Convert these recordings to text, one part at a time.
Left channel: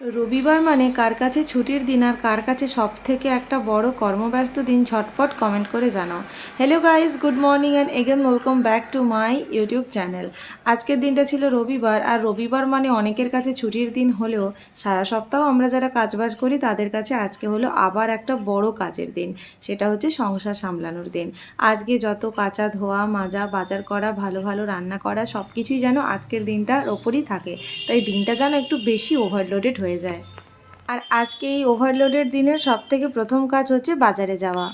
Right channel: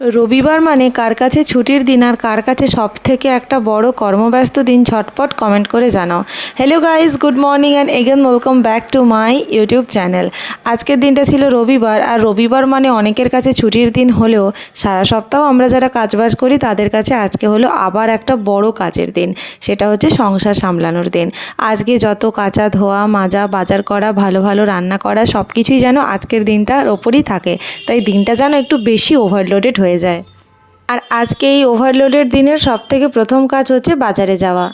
রবিবার মানে কার কাছে ছুটির দিন আর কার কাছে সব থেকে একটা বড় কর্মব্যস্ত দিন ঝটপট কমেন্ট করে জানাও। Hello guys, good morning and again welcome back to my YouTube channel. আজকের দিনটা ছিল রবিবার, আর রবিবার মানে অনেকের কাছে ছুটির দিন হলেও সারা সপ্তাহ আমরা যারা কাজবাজ করি তাদের কাছে আজকে হলো আবার একটা বড় কাজের দিন। সেটা হচ্ছে সংসার সামলানোর দিন। আজকে যত কাচা ধোয়া মাজা বাজার করা ভালো ভালো রান্না করা সব কিছুই যেন আজকের দিনটার ওপরই থাকে, তাই দিনটা যেন একটু বেশি ওভারলোডেড হয়ে যায়। আর আজকে এই ওভারলোডের দিনের সবথেকে প্রথম কাজ হচ্ছে বাজারে যাওয়া।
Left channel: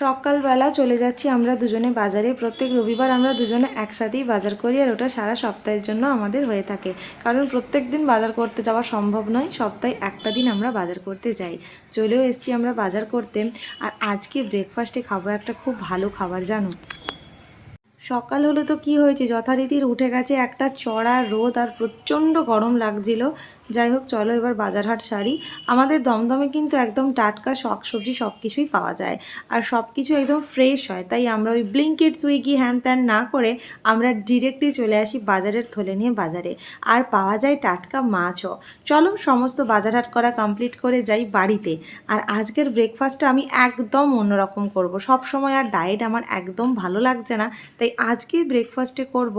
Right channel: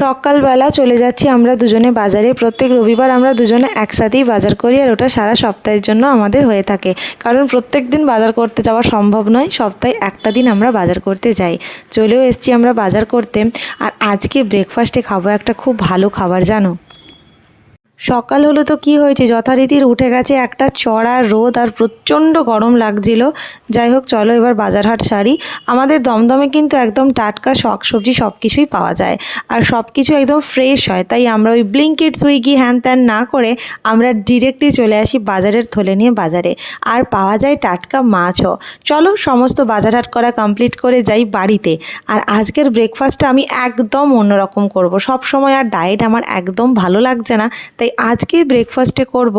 সকালবেলা চলে যাচ্ছি আমরা দুজনে বাজারে। প্রত্যেক রবিবার আমরা দুজনে একসাথেই বাজার করি, আর ওটা সারা সপ্তাহের জন্য আমাদের হয়ে থাকে, কারণ প্রত্যেক দিন বাজার করতে যাওয়া সম্ভব নয়। সপ্তাহে একটা দিন আমরা বাজার করতে যাই। চলেও এসছি আমরা বাজার করতে। আর আজকে ব্রেকফাস্টে খাবো একটা খুব ভালো খাবার, জানো। সকাল হলো তো কি হয়েছে, যথারীতির উঠে গেছে একটা চড়া রোদ আর প্রচণ্ড গরম লাগছিল। যাই হোক, চলো এবার বাজারহাট সারি। আমাদের দমদমে কিন্তু একদম টাটকা শাক সবজি সব কিছুই পাওয়া যায়, আর সব কিছু একদম ফ্রেশ হয়। তাই আমরা ওই ব্লিঙ্কিট সুইগি হ্যান ত্যান না করে আমরা ডিরেক্টলি চলে আসি বাজারের থলে নিয়ে বাজারে। আর পাওয়া যায় টাটকা মাছও। চলো সমস্ত বাজারহাট করা কমপ্লিট করে যাই বাড়িতে। আর আজকের ব্রেকফাস্টটা আমি একদম অন্যরকম করব। সব সময় আর ডায়েট আমার একদম ভালো লাগছে না, তাই আজকে ব্রেকফাস্টে করব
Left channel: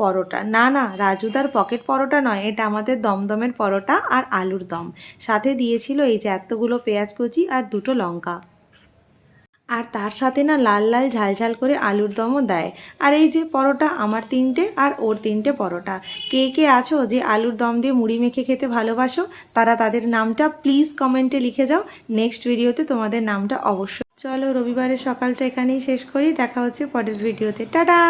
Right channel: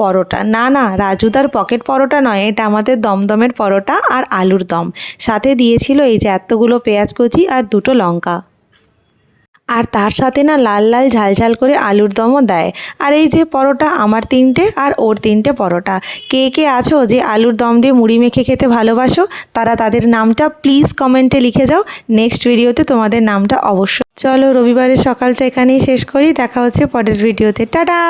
পরোটা। না, রাজুদার পকেট পরোটা নয়, এটা আমাদের দমদমের পরোটা আর আলুর দম। সাথে দিয়েছিল এই যে এতগুলো পেঁয়াজ কুচি আর দুটো লঙ্কা। আর তার সাথে না লাল লাল ঝাল ঝাল করে আলুর দমও দেয়। আর এই যে পরোটা, আমার 3টে আর ওর 3টে পরোটা। কে কে আছো যে আলুর দম দিয়ে মুড়ি মেখে খেতে ভালোবাসো, তারা তাদের নামটা প্লিজ কমেন্টে লিখে যাও। নেক্সট ভিডিওতে তোমাদের নামটা অবশ্যই। চলো রবিবারের সকালটা এখানেই শেষ করি, দেখা হচ্ছে পরের ভিডিওতে। টাটা।